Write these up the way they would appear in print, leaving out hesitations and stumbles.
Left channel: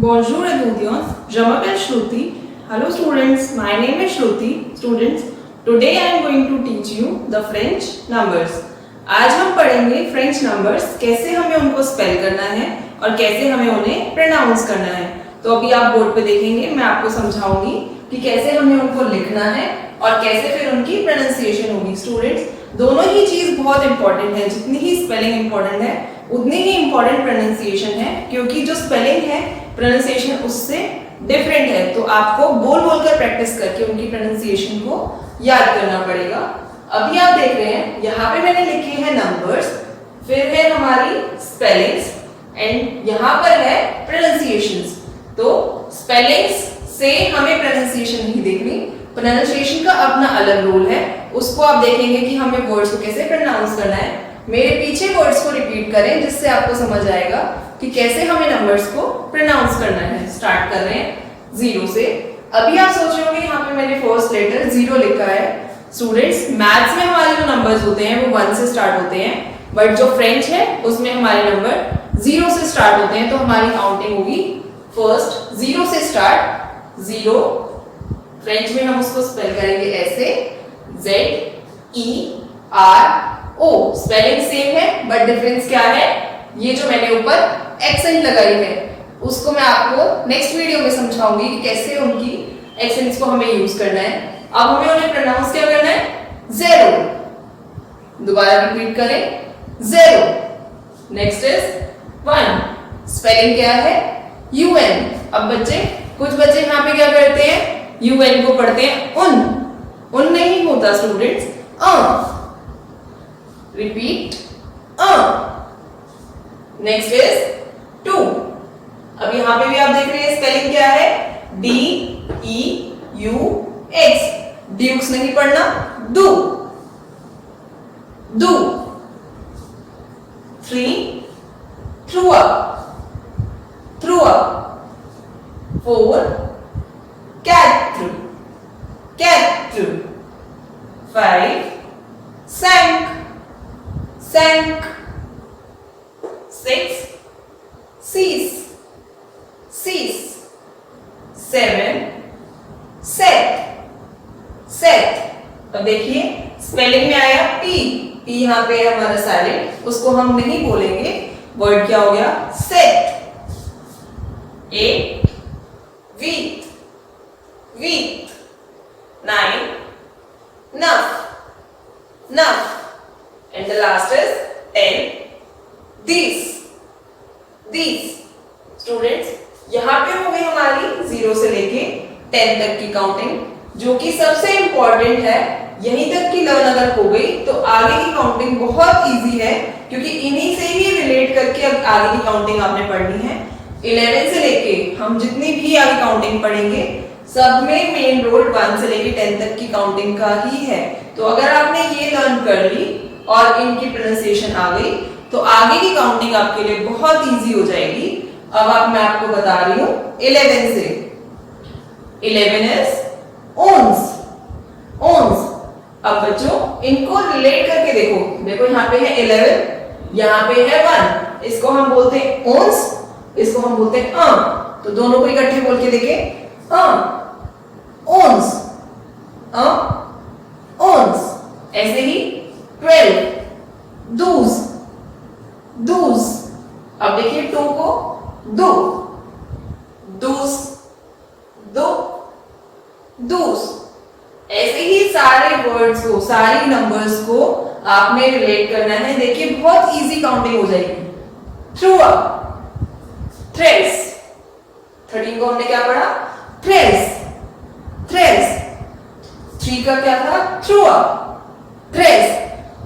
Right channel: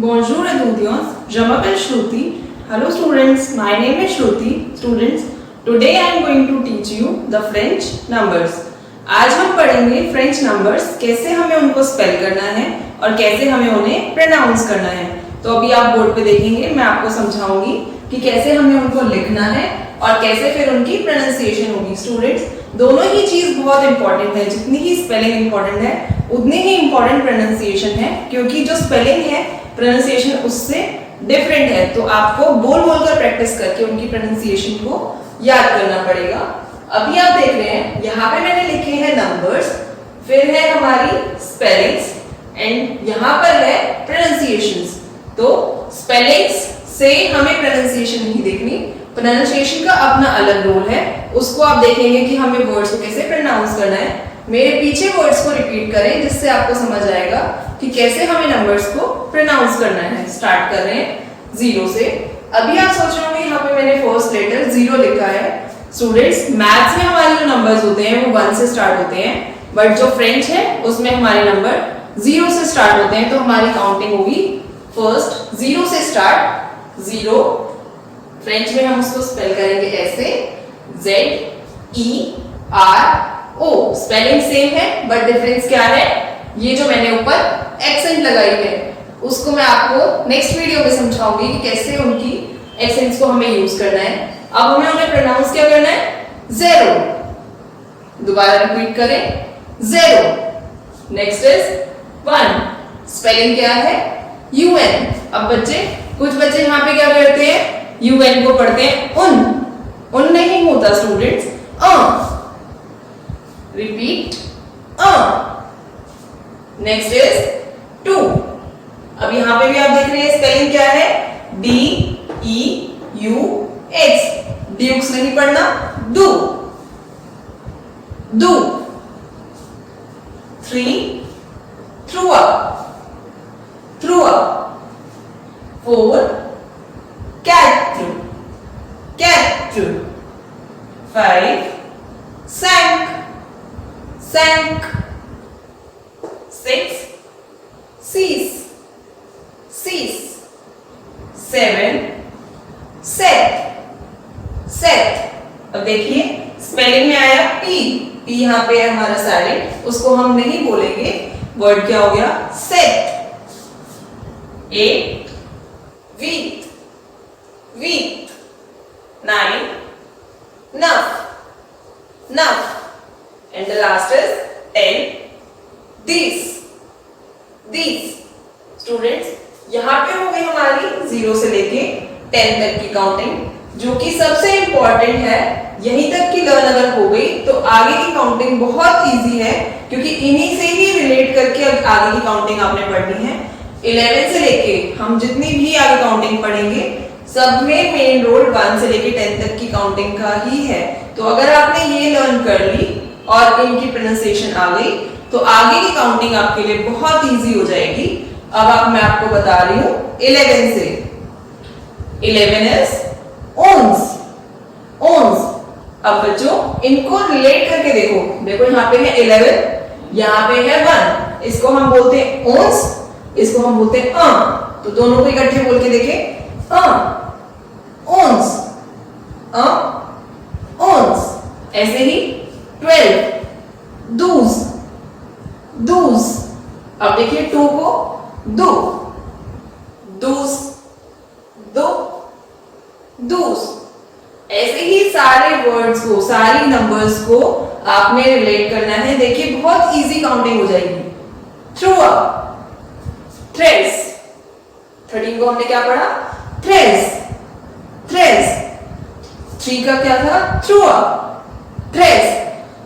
Bonjour étudiants, je m'appelle Shruti. Hello students, my name is Shruti. Students, today I am going to teach you the French numbers. आज हम पढ़ेंगे French numbers, कैसे हमें उनको spell करना है और कैसे हमें उन्हें प्रोनाउंस करना है। तो अभी आप बोर्ड पे देखेंगे, मैं आपको समझाऊंगी कि कैसे हमें उनको लिखना है और कैसे फिर उनकी प्रोनाउंसिएशन होगी। स्टूडेंट्स, दोनों ही चीज बहुत इंपॉर्टेंट है, जितनी ही स्पेलिंग इंपॉर्टेंट है उतनी ही इंपॉर्टेंट प्रोनाउंसिएशन है, क्योंकि जो स्पेलिंग है प्रोनाउंसिएशन उससे डिफरेंट है। तो आपको बोल बोलकर प्रैक्टिस करके उनकी प्रोनाउंसिएशन को याद करना पड़ेगा। अभी आप देख रहे हैं यहाँ पे मैंने लिखे हैं नंबर्स, फिर है हमारी स्पेलिंग्स एंड यहाँ पर है प्रोनाउंसिएशंस। तो स्पेलिंग्स से हमें प्रोनाउंसिएशन नहीं देखनी, प्रोनाउंसिएशन का अपना अलग रोल है, उसको आप देखेंगे कि हमें वर्ड्स को कैसे प्रोनाउंस करना है। मेरे पीछे वर्ड्स को रिपीट करें, जिससे आपको समझ आएगा कि कैसे हमें नंबर्स को प्रोनाउंस करना है। स्टार्ट कर रहे हैं जीरो से। अभी आप सोच रहे होंगे यहाँ पे मैंने फर्स्ट लेटर जीरो लिखा है। स्टूडेंट्स, मैथ्स में हमारे जो नंबर्स होते हैं वो 1 से स्टार्ट होते हैं, बट जो फ्रेंच है उसमें हमारे नंबर 0 से स्टार्ट होते हैं। तो हमारी काउंटिंग होगी फर्स्ट 0 से स्टार्ट, 0। फ्रेंच में हम उसको स्पेल करेंगे ऐसे, ZERO। स्पेलिंग सेम है बट डिफरेंस क्या है, ये जो मैंने ऊपर एक्सेंट लगाई है उसको मैं आपको नेक्स्ट वीडियो में समझाऊंगी कि कैसे उनकी एक्सेंट्स को हमें यूज करना है। अब हमें उन्हें प्रोनाउंस क्या करना है, ज़ेरो। दोबारा रिपीट करें, ज़ेरो। Next is 1। स्पेलिंग क्या है, UN। अब कुछ बच्चे यहाँ पे क्या करते हैं, UN को पढ़ते हैं उन नहीं होता स्टूडेंट्स, रिपीट, नेक्स्ट इज 2। अब यहाँ पे भी आप देख रहे हैं स्पेलिंग क्या है, DEUX। ड्यूक्स नहीं पढ़ना, डू। 3 थ्रू अप, 4 कैट, 5 सैंक, 6 सीस, 7 सेट। अब देखिए स्पेलिंग में आया P यहाँ पे है हमारा साइलेंट, उसको हम नहीं बोलेंगे, वर्ड क्या हो गया, सेट। 8 वीक, 9 नफ, एंड द लास्ट इज 10 दिस। स्टूडेंट्स, यहाँ पे हो गई हमारी 0 से लेके 10 तक की काउंटिंग, जो कि सबसे इंपॉर्टेंट है। यहीं तक की लर्न अगर हो गई तो आगे की काउंटिंग बहुत इजी है, क्योंकि इन्हीं से ही रिलेट करके अब आगे की काउंटिंग आपने पढ़नी है। 11 से लेके हम जितनी भी आगे काउंटिंग पढ़ेंगे सब में मेन रोल 1 से लेके 10 तक की काउंटिंग का ही है। तो अगर आपने ये लर्न कर ली और इनकी प्रोनाउंसिएशन आ गई तो आगे की काउंटिंग आपके लिए बहुत इजी हो जाएगी। अब मैं आपको बता रही हूँ 11 से। 11 इज ओन्स। अब बच्चों इनको रिलेट करके देखो यहाँ पे है 11, यहाँ पे है 1। इसको हम बोलते हैं ओन्स, इसको हम बोलते हैं तो दोनों को इकट्ठे बोल के देखे, ओन्स, ओन्स। ऐसे ही 12 दूस। अब देखिए 2 को दूस। ऐसे ही सारे वर्ड्स को, सारी नंबर्स को आपने रिलेट करना है। देखिए बहुत इजी काउंटिंग हो जाएगी। Through up, threads. 13 को हमने क्या पढ़ा, थ्रेड्स। 3 का क्या था, थ्रू अप, थ्रेड्स।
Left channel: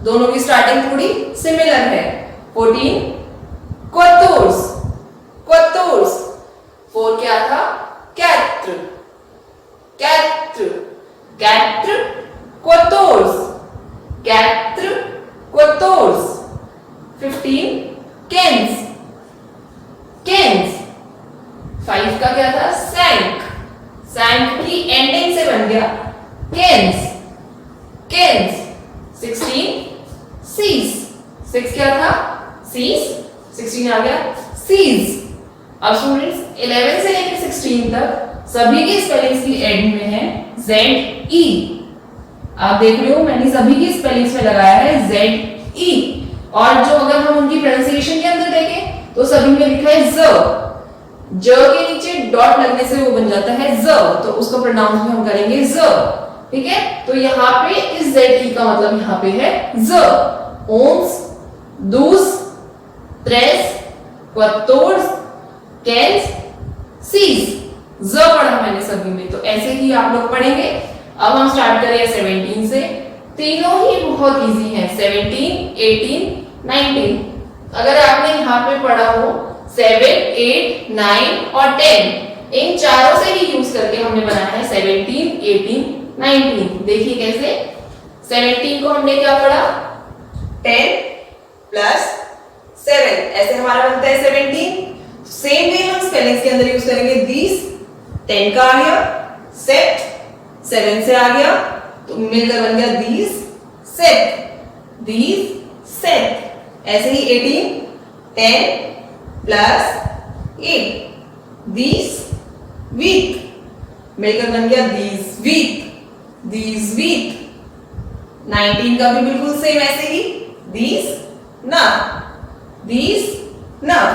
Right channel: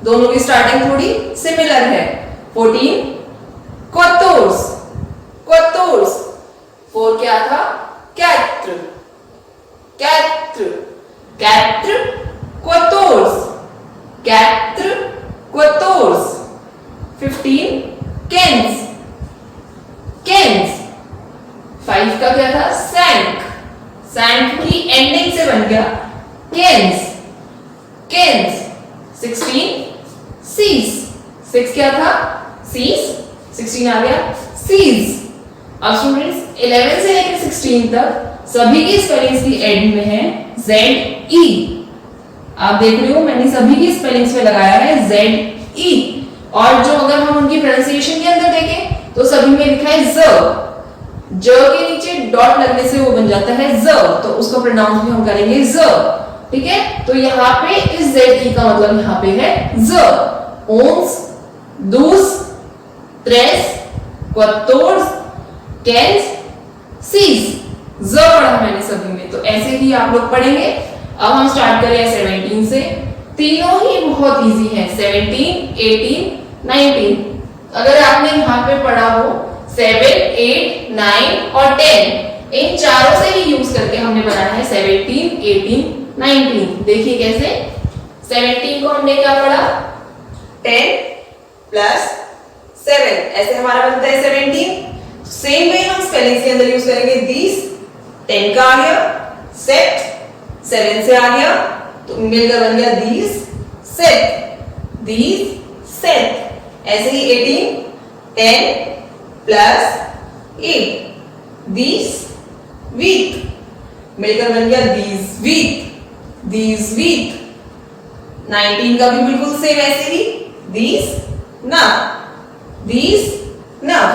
दोनों की स्टार्टिंग थोड़ी सिमिलर है। 14 क्वार्टर्स। 4 क्या था, कैट्र, क्वार्टर्स। 15 केन्स। 5 का क्या था, सैंक की एंडिंग से बन गया केन्स। 16 सीस। 6 क्या था, सीस। 16 आ गया सीज। अब स्टूडेंट्स 11 से लेकर 16 तक सभी की स्पेलिंग्स की एंड में है ZE। आप देख रहे हो मैंने सभी की स्पेलिंग्स में लगाया है ZE। और जो अगर हम उनकी प्रोनाउंसिएशन के अंदर देखें तो सभी में लिखा है ज के नीचे डॉट लगने से वो बन जाता है ज, तो उसको प्रोनाउंस में हम करेंगे ज। ठीक है, तो यहाँ पे इस ZE का मतलब यहाँ पे है ज। ओन्स, दूस, त्रेस, क्वत्तोर्स, कैंस, सीज, ज पढ़ा मैंने सभी में, तो ऐसे ही आप लोग पढ़ेंगे। अब हम स्टार्ट करें 17 से। तीनों ही बहुत इजी हैं, 17, 18, 19। अगर आपने यहाँ पे पढ़ा हो 7, 8, 9 और 10, इन चारों से ही यूज करके हमने बनाया है 17, 18, 19। देखिए कैसे। 17 को हमने क्या पढ़ा, 10 प्लस 7, ऐसे हमारा बनता है 17। सेम वे हम स्पेलिंग्स के अंदर यूज करेंगे दीस। 10 का आ गया, सेट 7 से आ गया तो मिलकर बन गया दीस सेट, दीस सेट। ऐसे ही 18, 10 प्लस 8, दीस वीक, मिलकर बन गया दीस वीक, दीस वीक। 19 का भी बिल्कुल सेम ऐसे ही, दीस नव, these now,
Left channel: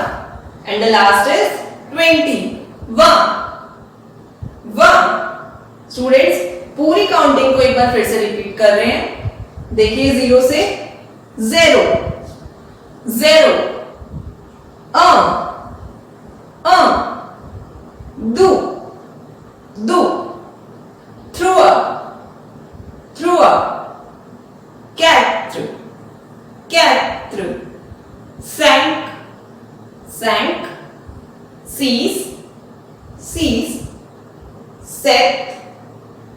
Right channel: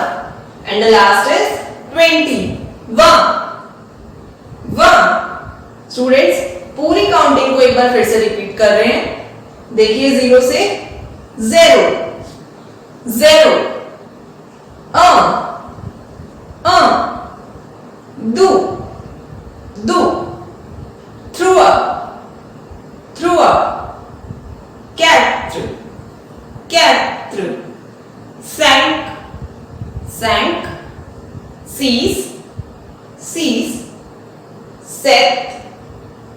and the last is 20, one। Students पूरी काउंटिंग को एक बार फिर से रिपीट कर रहे हैं। देखिए 0 से 0, 0, do, through up, cat, sank, cease,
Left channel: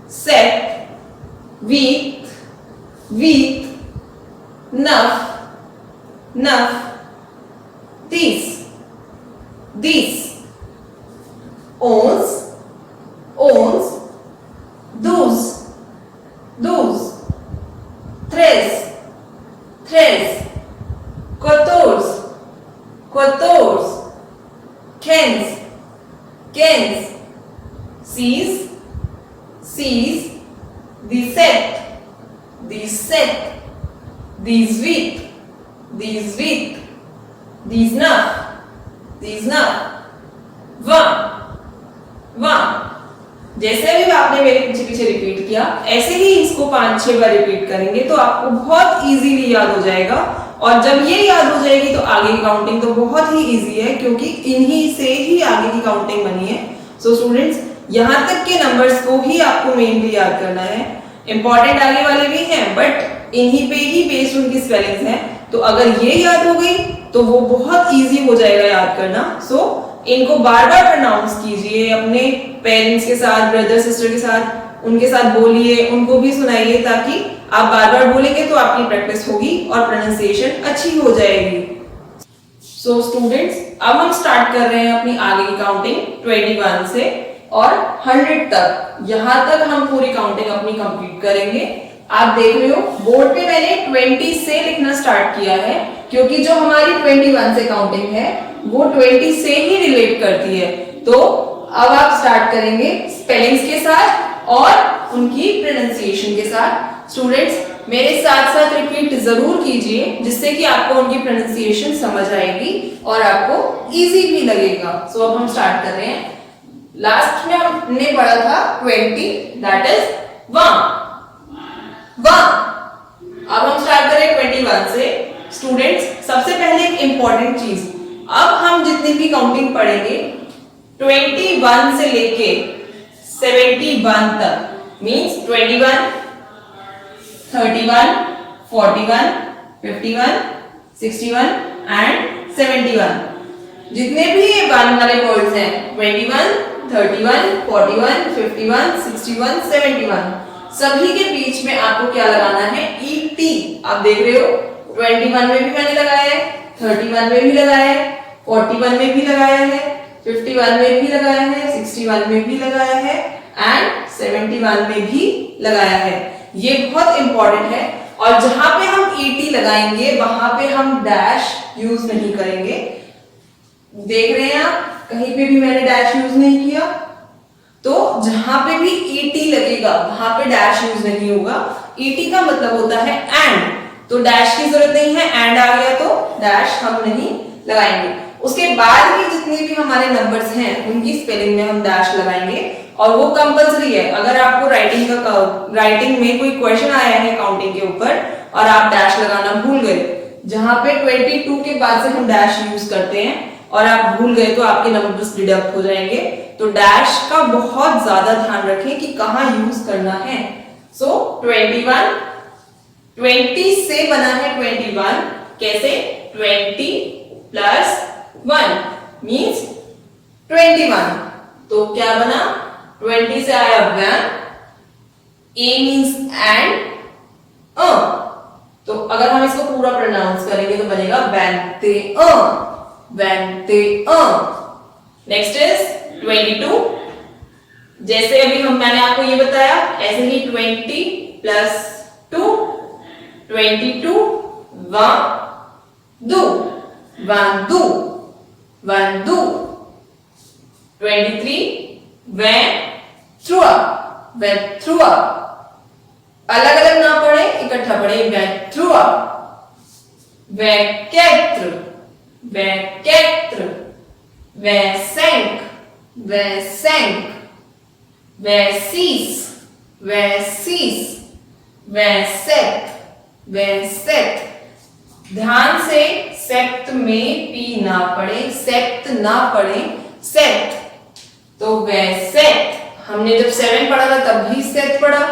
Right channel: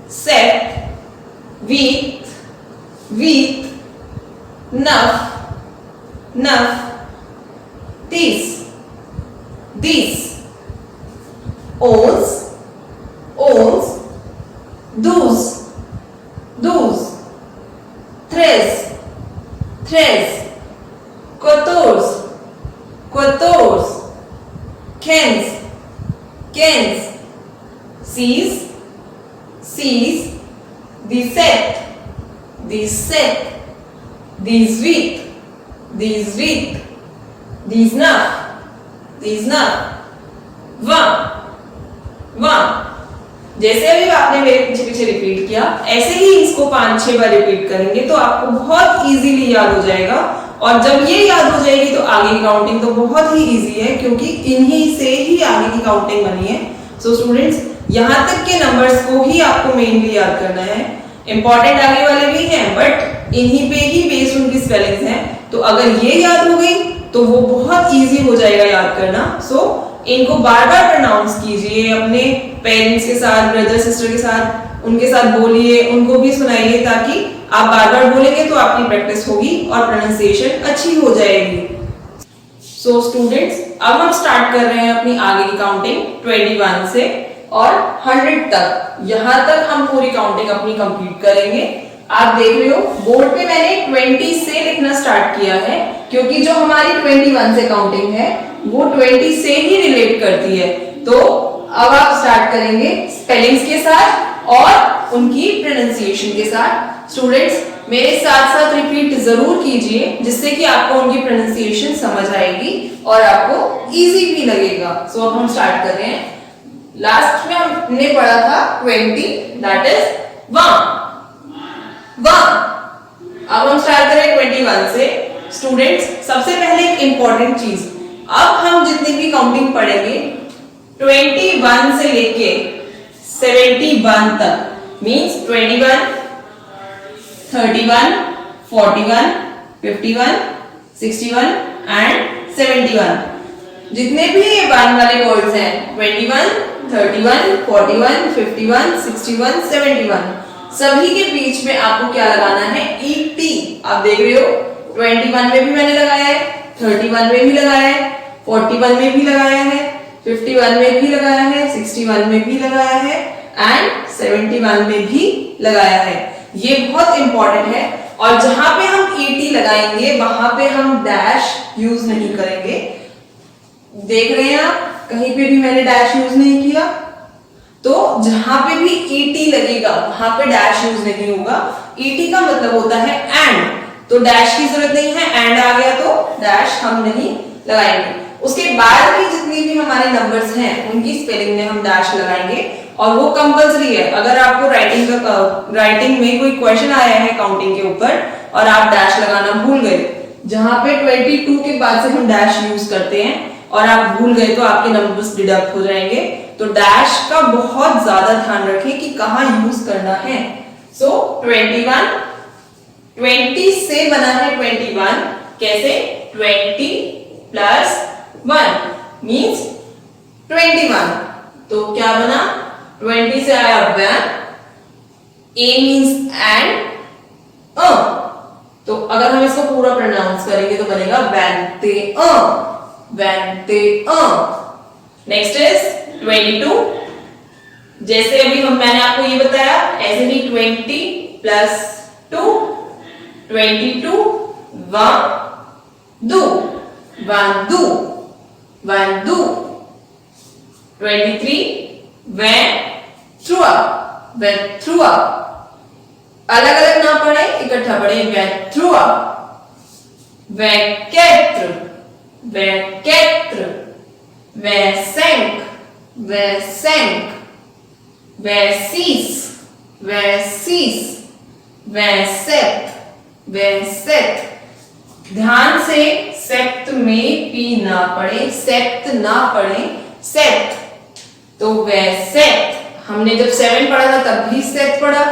set, weak, nuff, these, owns, those, threads, quatorze, cans, sees, the set, these week, these nuff, one। जैसे अभी आपने मेरे पीछे पीछे रिपीट किया, ऐसे ही इसको 5-6 बार रिपीट करेंगे तो आपको बहुत इजीली याद हो जाएगा। और जब ये याद हो जाएगी तो आगे की काउंटिंग तो बहुत ही इजी है, क्योंकि इन्हीं से ही आगे की काउंटिंग बनी है। सो स्टूडेंट्स यहाँ तक के नंबर्स को ही आपको मेनली याद करना है। इंपॉर्टेंट आगे वाले भी हैं बट इन्हीं पे ही बेस्ड उनकी स्पेलिंग्स हैं, तो अगर ये याद हो गई तो वो बहुत इजी हो जाएगा याद करना। सो इनको बार बार प्रोनाउंस कीजिए, अपने पेरेंट्स के साथ, ब्रदर सिस्टर के साथ, उनके साथ बोलिए, उनको भी सुनाइए, ताकि आप बार बार बोलेंगे तो आपकी प्रैक्टिस होगी और प्रोनाउंसिएशन अच्छी हो जाएगी। सो स्टूडेंट्स अब हम स्टार्ट कर रहे हैं अपनी आगे की काउंटिंग 21 से और 100 तक। यहां तक हम पूरी काउंटिंग अपनी कंप्लीट करेंगे। आप देख रहे हो बोर्ड पे मैंने 20 से लिखना स्टार्ट किया है, क्योंकि जो हमारी 21 से काउंटिंग है वो 20 से ही रिलेट करती है। तो अब आप स्टार्ट करेंगे स्पेलिंग्स के साथ और उनकी प्रोनाउंसिएशन के साथ। स्टूडेंट्स मेरे साथ साथ रिपीट जरूर कीजिए, जिससे कि आपको उनकी प्रोनाउंसिएशन समझ आएगी और आपको इजी भी लगेगा। सो अब हम स्टार्ट कर रहे हैं। लास्ट में हमने पढ़ा था 20, दैट इज 1। अब हम स्टार्ट करें 21 से। स्टूडेंट्स सबसे पहले एक इंपॉर्टेंट चीज, अब हम जितनी भी काउंटिंग पढ़ेंगे 21 से लेके 71 तक, मींस 21, 31, 41, 51, 61 एंड 71। जितने भी 1 वाले वर्ड्स हैं 21, 31, 41, 51, 61, 71, सभी के बीच में आपको क्या लगाना है, ET। आप देख रहे हो 21 में भी मैंने लगाया है, 31 में भी लगाया है, 41 में भी लगाया है, 51 में भी लगाया है, 61 में भी लगाया है एंड 71 में भी लगाया है। ये बहुत इंपॉर्टेंट है। और जहां पे हम ET लगाएंगे वहां पे हम डैश यूज नहीं करेंगे। देख रहे हैं आप, कहीं पे भी मैंने डैश यूज नहीं किया, तो जहां पे भी ईटी लगेगा वहां पे डैश यूज नहीं होगा। ईटी का मतलब होता है एंड, तो डैश की जरूरत नहीं है, एंड आ गया तो डैश हम नहीं लगाएंगे। उसके बाद भी जितनी भी हमारे नंबर्स हैं उनकी स्पेलिंग में हम डैश लगाएंगे, और वो कंपलसरी है। अगर आपको राइटिंग में कोई क्वेश्चन आया है काउंटिंग के ऊपर और आप डैश लगाना भूल गए, जहां पे 22 के बाद से हम डैश यूज करते हैं और आप भूल गए तो आपके नंबर्स डिडक्ट हो जाएंगे। तो डैश का बहुत ज्यादा ध्यान रखें कि कहां यूज करना है। सो 21, 20 से बना है 21, कैसे? 20 प्लस 1 मीन्स 21। तो क्या बना? 20 से आया वन, ए मीन्स एंड, तो अगर हम इसको पूरा प्रोनाउंस करेंगे तो बनेगा वैनते वैनते। Next is 22। जैसे अभी मैंने आपको ये बताया, ऐसे ही 20 प्लस 2, 22 वन दो, वन दो, वन दो। 23 went through, went through। अलग अलग ना पढ़े, इकट्ठा पढ़े। went through, went quatre, went quatre, went cinq, went cinq, went six, went six, went sept, went sept। ध्यान से सेप्ट में पी ना पढ़े, सेप्ट ना पढ़े, सेप्ट। तो वे सेप्ट, हमने जब 7 पढ़ा था तब भी सेप्ट पढ़ा,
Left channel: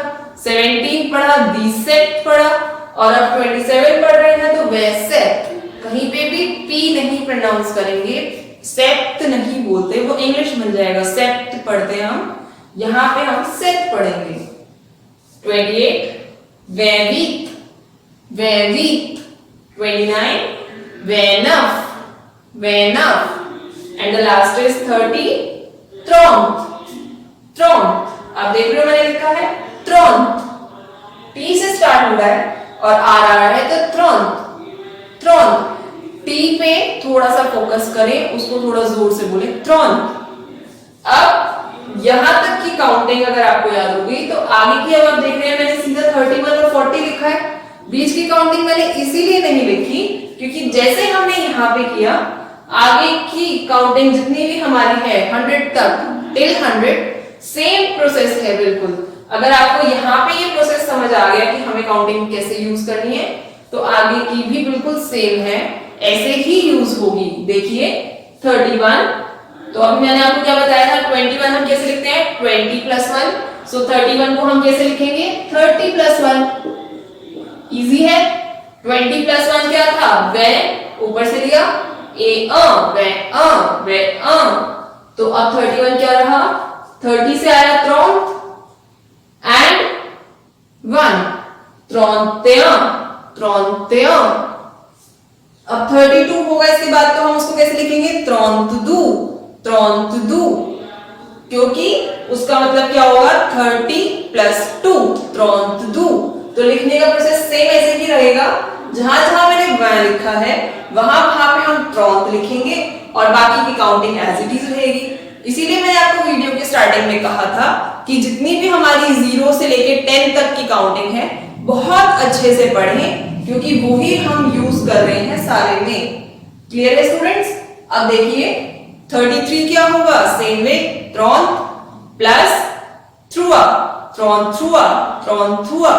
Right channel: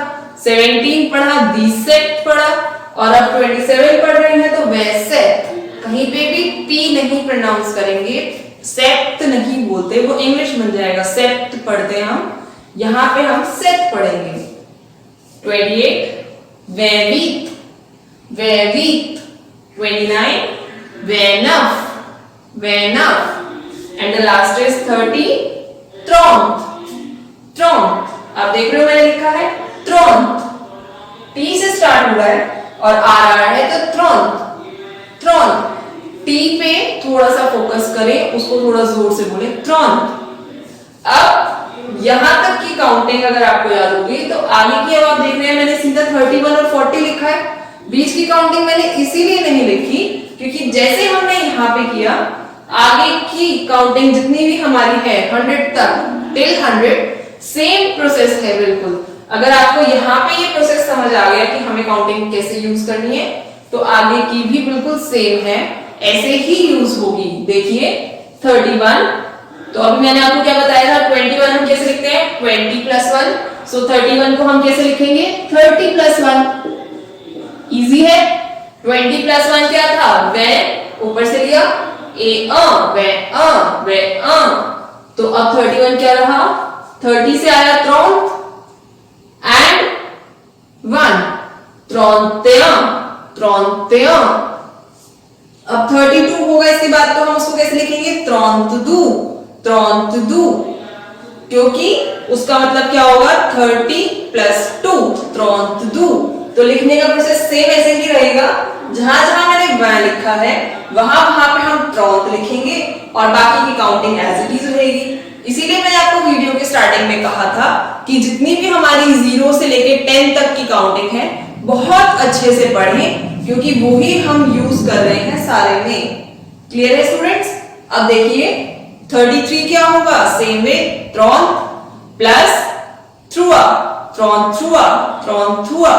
17 पढ़ा, दी सेप्ट पढ़ा, और अब 27 पढ़ रहे हैं तो वे सेप्ट। कहीं पे भी पी नहीं प्रोनाउंस करेंगे, सेप्ट नहीं बोलते, वो इंग्लिश बन जाएगा। सेप्ट पढ़ते हैं हम, यहां पे हम सेप्ट पढ़ेंगे। 28 वेवीत, वेवीत। 29 वेनफ, वेनफ। एंड द लास्ट इज 30 ट्रॉन्थ, ट्रॉन्थ। आप देख रहे हो मैंने लिखा है ट्रॉन्थ, टी से स्टार्ट हो रहा है और आ रहा है तो ट्रॉन्थ, ट्रॉन्थ। टी पे थोड़ा सा फोकस करें, उसको थोड़ा जोर से बोले, ट्रॉन्थ। अब यहां तक की काउंटिंग अगर आपको याद होगी तो आगे की अब आप देख रहे हैं मैंने सीधा 31 और 40 लिखा है। बीच की काउंटिंग मैंने इसीलिए नहीं लिखी क्योंकि जैसे हमने यहां पे किया, आगे की काउंटिंग जितनी भी हमारी है 100 तक, टिल 100 सेम प्रोसेस है बिल्कुल। अगर आपको यहाँ पे ये प्रोसेस समझ आ गया कि हमें काउंटिंग कैसे यूज करनी है, तो आगे की भी बिल्कुल सेम है, ऐसे ही यूज होगी। देखिए 31, तो अभी मैंने आपको क्या बताया था, 21 हम कैसे लिखते हैं, 20 प्लस 1। सो 31 को हम कैसे लिखेंगे, 30 प्लस 1। इजी है। 20 प्लस 1 क्या था, वे, ऊपर से लिया ए वे तो अब 31 क्या रहा, 30 से आया ट्रॉन्थ एंड 1 ट्रॉन्तें, ट्रॉन्तें। अब 32 होगा इसके बाद, तो हम उसको कैसे लिखेंगे, ट्रॉन्तदू, ट्रॉन्तदू, क्योंकि उसका मतलब क्या होगा 30 प्लस 2 ट्रॉन्तदू। तो लिखने का प्रोसेस सेम ऐसे ही रहेगा, जहां जहां मैंने वन लिखा है वहां वहां पे हम ट्रॉन्त लिखेंगे और बाकी की काउंटिंग एज इट इज रहेगी। इसीलिए मैंने आपको वीडियो के स्टार्टिंग में कहा था कि जितनी भी हमारी 0 से लेके 10 तक की काउंटिंग है बहुत अच्छे से पढ़ें, क्योंकि वो ही हम यूज कर रहे हैं सारे में। क्लियर है स्टूडेंट्स? अब देखिए 33 क्या होगा, सेम वे, ट्रॉन्त प्लस थ्रुआ, ट्रॉन्त थ्रुआ, ट्रॉन्त थ्रुआ।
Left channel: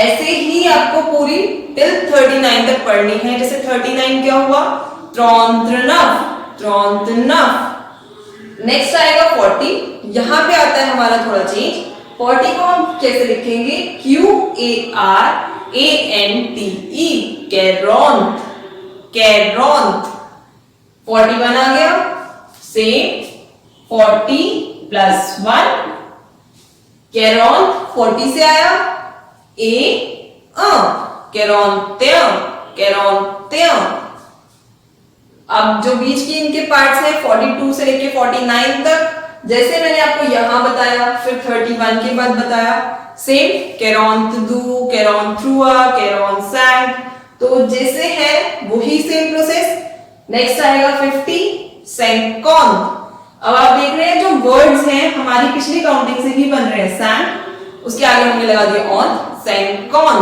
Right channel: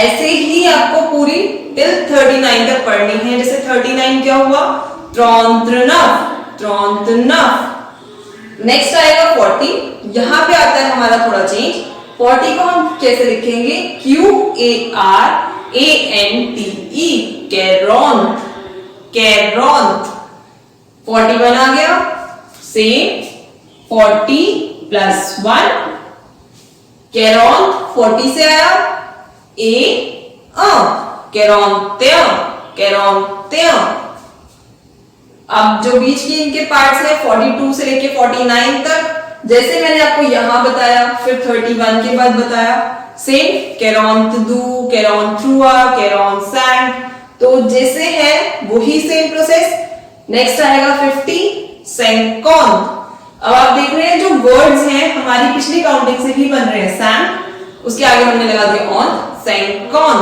ऐसे ही आपको पूरी टिल 39 तक पढ़नी है। जैसे 39 क्या हुआ, ट्रॉन्त्रनफ, ट्रॉन्त्रनफ। नेक्स्ट आएगा 40, यहां पे आता है हमारा थोड़ा चेंज। 40 को हम कैसे लिखेंगे, QARANTE, कैरॉन्थ, कैरॉन्थ। 41 आ गया, सेम 40 प्लस 1, कैरॉन्थ 40 से आया, कैरॉन्तें, कैरॉन्तें। अब जो बीच की इनके पार्ट्स हैं 42 से लेके 49 तक, जैसे मैंने आपको यहां बताया, फिर 31 के बाद बताया, सेम कैरॉन्तदू, कैरॉन्थ्रुआ, कैरॉन्सैंग। तो जैसे है वही सेम प्रोसेस। नेक्स्ट आएगा 50, सैंकॉन। अब आप देख रहे हैं जो वर्ड्स हैं हमारी पिछली काउंटिंग से ही बन रहे हैं, सैंक उसके आगे हमने लगा दिया ऑन, सैंकॉन।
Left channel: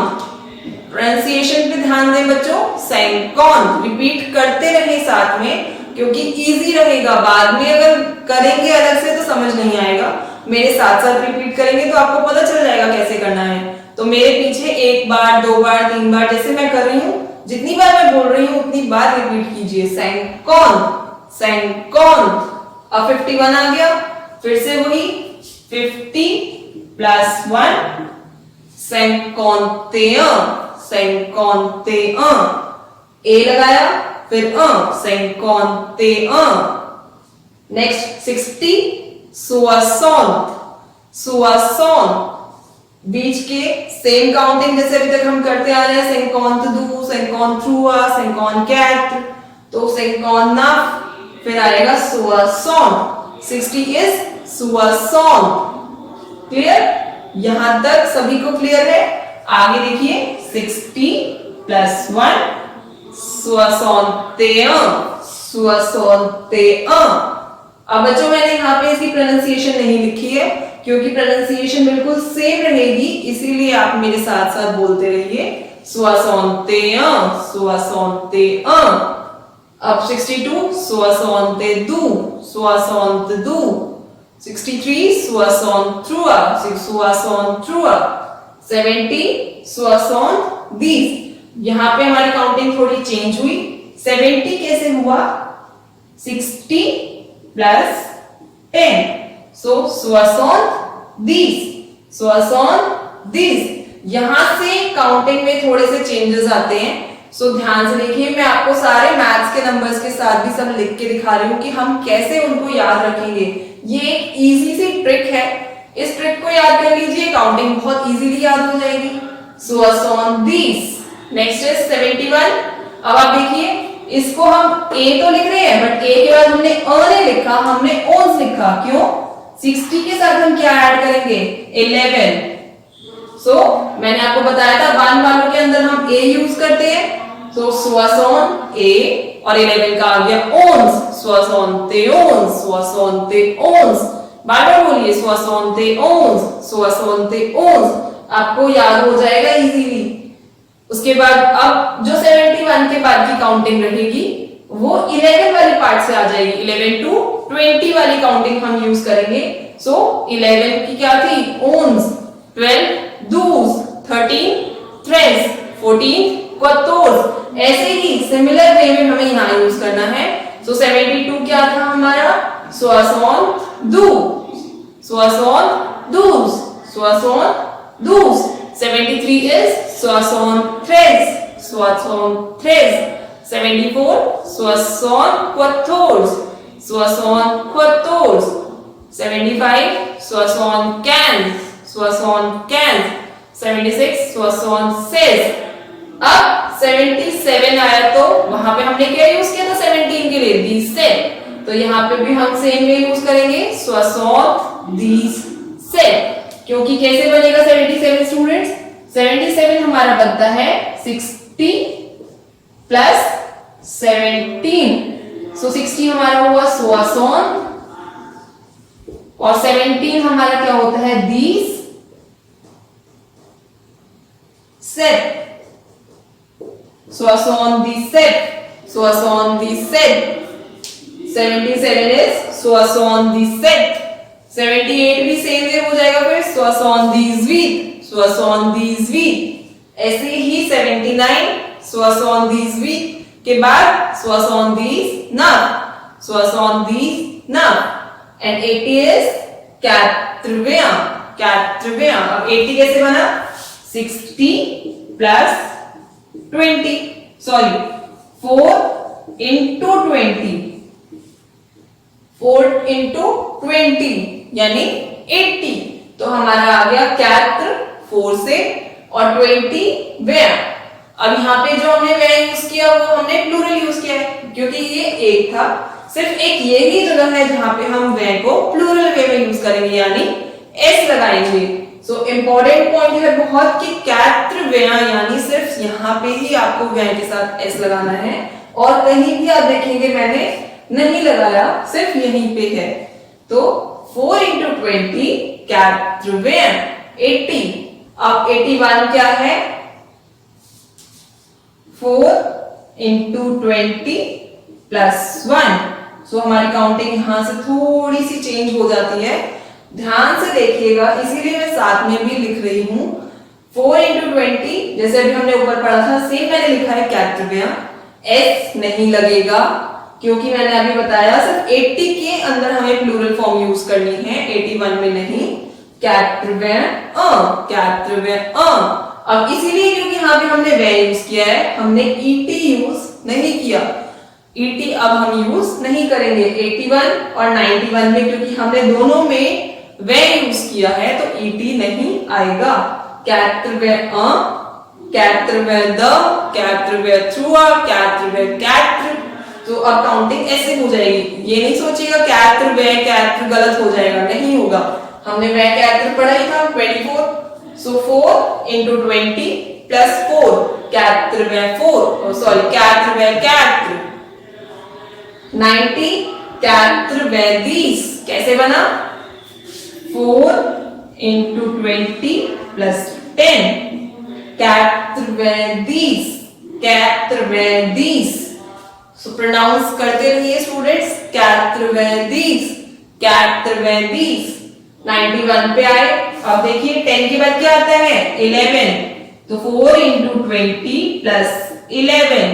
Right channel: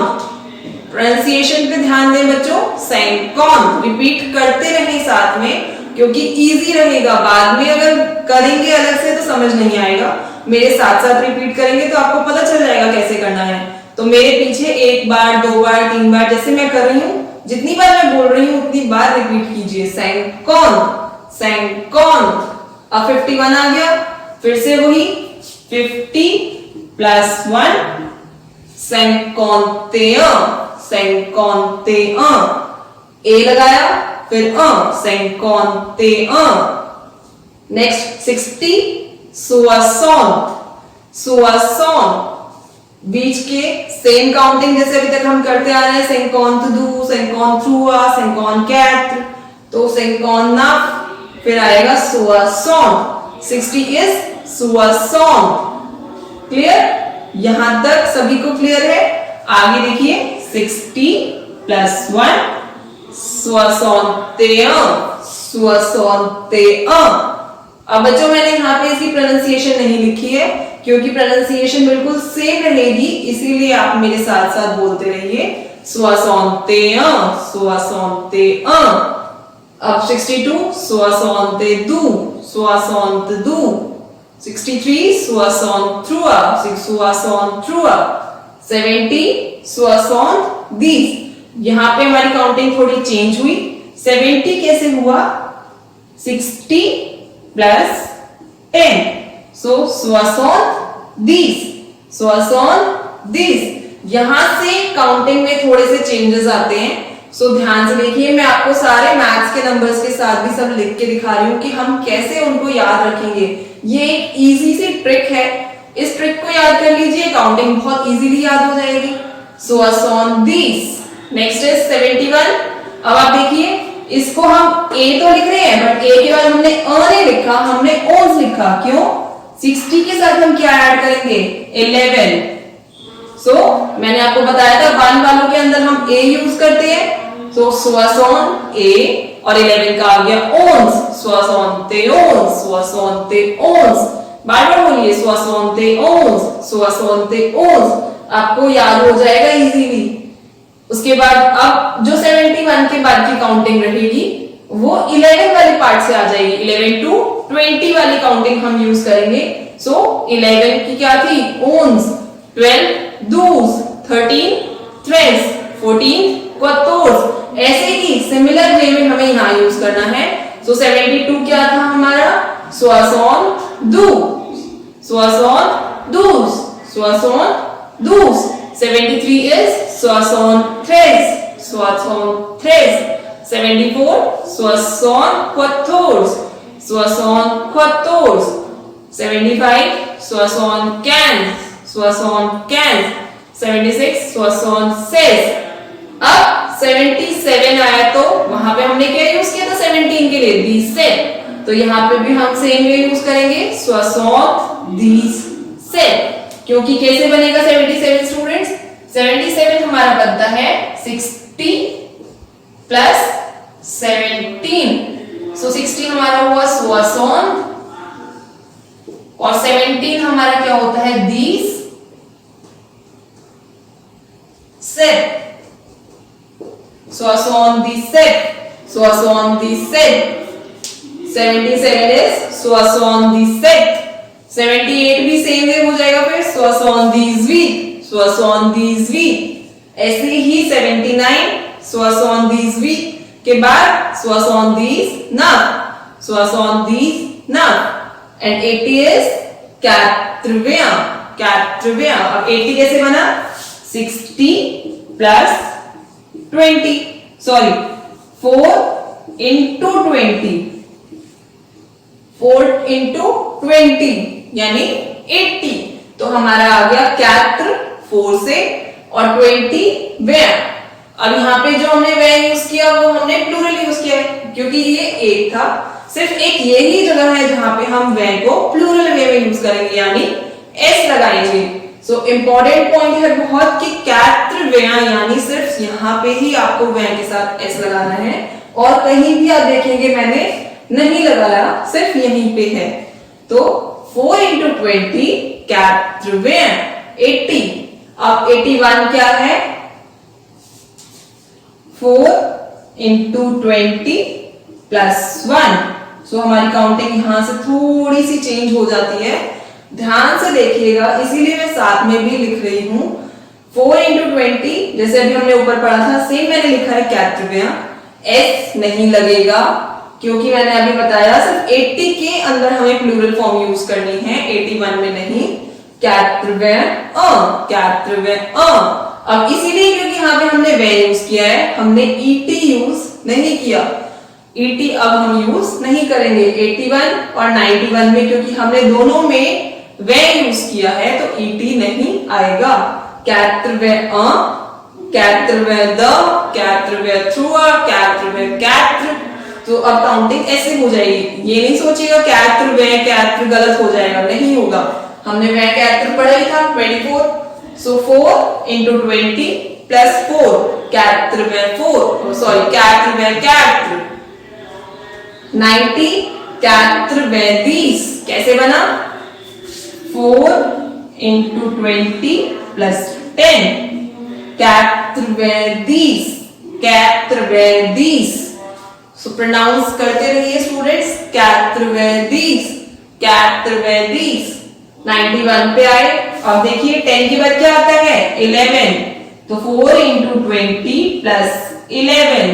प्रोनाउंसिएशन पे ध्यान दें बच्चों, सैंकॉन रिपीट करते रहे साथ में क्योंकि इजी रहेगा। बाद में अगर करेंगे अलग से तो समझ नहीं आएगा, मेरे साथ साथ रिपीट करेंगे तो आपको पता चल जाएगा कैसे करना है। तो मेरे पीछे 1 बार 2 बार 3 बार जैसे मैं कर रही हूं, जितनी बार मैं बोल रही हूं उतनी बार रिपीट कीजिए, सैंकॉन सैंकॉन। अब 51 आ गया, फिर से वही 50 प्लस 1 cinquanteun, cinquanteun, ए लगाया फिर cinquanteun। Next 60 soixante, soixante। बीच के सेम काउंटिंग जैसे अभी तक हम करते आ रहे हैं, 52, 53, 54, तो 59 फिर आएगा soixante। 60 is soixante। क्लियर? यहां तक सभी को क्लियर है? आगे देखिए 60 प्लस 1 61, 61। अब बच्चों मैंने यहाँ पे इसकी प्रोनाउंसिएशन नहीं लिखी है क्योंकि प्रोनाउंसिएशन बिल्कुल सेम रहेगी, इसीलिए आप मेरे साथ साथ बोलते रहिए 61, 61। अब 62 62, 62। 63 63, 63। 70 70। यहां पे हमारी काउंटिंग थोड़ी चेंज हुई। 70 कैसे हुआ? 60 प्लस 10, सो 70, 70। यहां से काउंटिंग में थोड़े से चेंजेस आते हैं, सो ध्यान से देखिए। मैं आपको सारे मैथ्स के नंबर्स के साथ भी सब लिख के दिखा रही हूँ कि हम कैसे उनको याद रखेंगे। ये एक इजी सी ट्रिक है, इस ट्रिक को याद कर लीजिए, काउंटिंग बहुत इजीली याद हो जाएगी। 70। Next is 71। अब आप देखिए इसको हम ए तो लिख रहे हैं बट ए के बाद हमने अ नहीं लिखा, हमने ओन्स लिखा। क्यों? 60 के साथ हम क्या ऐड करेंगे? 11। सो मैंने आपको बताया था 1 वालों के अंदर हम ए यूज करते हैं, तो 60 ए और 11 का आ गया ओन्स, 71, 71। बार बार बोलिए 71, 71। आपको याद हो जाएगा इजीली। उसके बाद अब जो 71 के बाद की काउंटिंग रहेगी वो 11 वाले पार्ट से आ जाएगी। 11 टू 20 वाली काउंटिंग हम यूज करेंगे। सो 11 की क्या थी? ओन्स, 12 douze, 13 treize, 14 quatorze। ऐसे ही सिमिलर वे में हमें यहाँ यूज करना है। सो 72 क्या था हमारा? 72, 72, 72। 73 is 73, 73। 74 74, 74। 75 75, 75। 76 76। अब 77 आया तो वहां पे हमने क्या यूज किया था 17 के लिए? दी सेट। तो यहाँ पे भी हम सेम वे यूज करेंगे 77, क्योंकि कैसे बनेगा 77 स्टूडेंट्स? 77 हमारा बनता है 60 प्लस 17। सो 60 हमारा हुआ 60 और 17 हमारा क्या होता है? दीस सेट। 77, 77। 77 is 77। 78 भी सेम वे हो जाएगा फिर 78, 78। ऐसे ही 79 79 के बाद 79, 79। And 80 is 80। अब 80 कैसे बना? 60 प्लस 20, सॉरी 4 इंटू 20, 4 इंटू 20 यानी 80। तो हमारा आ गया 4 से और 20 वे। अब यहाँ पे जो हमने वे यूज किया वो हमने प्लूरल यूज किया है क्योंकि ये एक था। सिर्फ एक यही जगह है जहां पे हम वे को प्लूरल वे में यूज करेंगे यानी एस लगाएंगे। सो इंपॉर्टेंट पॉइंट है बहुत कि 4 वे यानी सिर्फ यहाँ पे ही आपको वे के साथ एस लगाना है और कहीं भी आप देखेंगे मैंने नहीं लगाया, सिर्फ यहीं पे है। तो 4 into 20 80। अब 81 क्या है? 4 into 20 plus 1। सो हमारी काउंटिंग यहां से थोड़ी सी चेंज हो जाती है, ध्यान से देखिएगा, इसीलिए मैं साथ में भी लिख रही हूं। 4 into 20 जैसे अभी हमने ऊपर पढ़ा था, सेम मैंने लिखा है 80। एस नहीं लगेगा क्योंकि मैंने अभी बताया सिर्फ 80 के अंदर हमें प्लूरल फॉर्म यूज करनी है, 81 में नहीं। 80। अब इसीलिए क्योंकि यहाँ पे हमने वे यूज किया है, हमने ईटी यूज नहीं किया। ईटी अब हम यूज नहीं करेंगे 81 और 91 में, क्योंकि हमने दोनों में वे यूज किया है, तो ईटी नहीं आएगा। 80 तो अब काउंटिंग ऐसे हो जाएगी। ये नहीं सोचिएगा 80 गलत हो जाएगा, नहीं होगा। हमने वे 80 पढ़ा ही था 24। सो 4 into 20 plus 4 सॉरी 90 कैसे बना? 4 into 20 plus 10 सो प्रोनाउंस करते रहिए स्टूडेंट्स। 91 पे आए। अब देखिए 10 के बाद क्या आता है? 11। तो 4 into 20 plus 11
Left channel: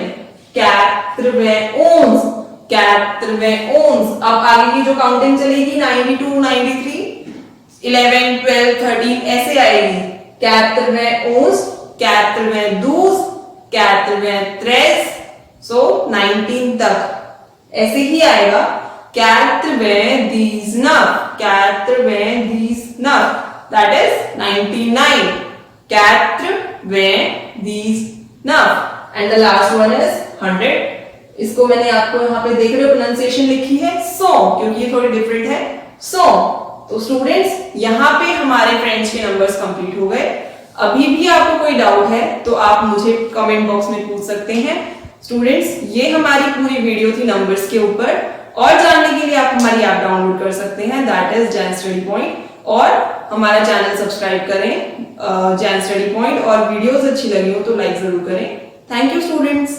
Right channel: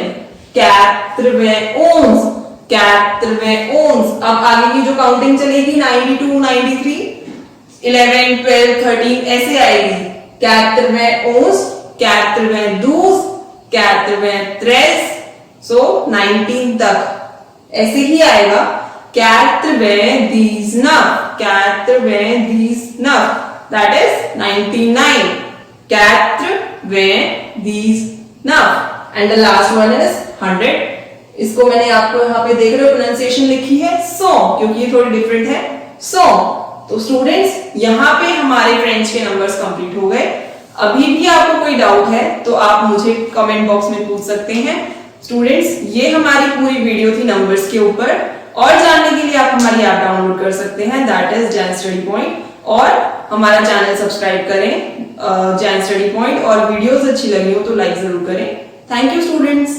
अब आगे की जो काउंटिंग चलेगी 92, 93, 11, 12, 13 ऐसे आएगी। 13 सो 19 तक ऐसे ही आएगा। 99 that is 99। And the last one is 100। इसको मैंने आपको यहाँ पे देख रहे हो प्रोनाउंसिएशन लिखी है 100, क्योंकि ये थोड़ी डिफरेंट है 100। तो स्टूडेंट्स यहाँ पे हमारे फ्रेंच के नंबर्स कंप्लीट हो गए। अभी भी आपको कोई डाउट है तो आप मुझे कमेंट बॉक्स में पूछ सकते हैं। स्टूडेंट्स ये हमारी पूरी वीडियो थी नंबर्स के ऊपर, और जानने के लिए आप हमारी ऐप डाउनलोड कर सकते हैं, that is Jain study point, और हमारा चैनल सब्सक्राइब करें जैन स्टडी पॉइंट, और वीडियोस अच्छी लगी हो तो लाइक जरूर करें। Thank you students.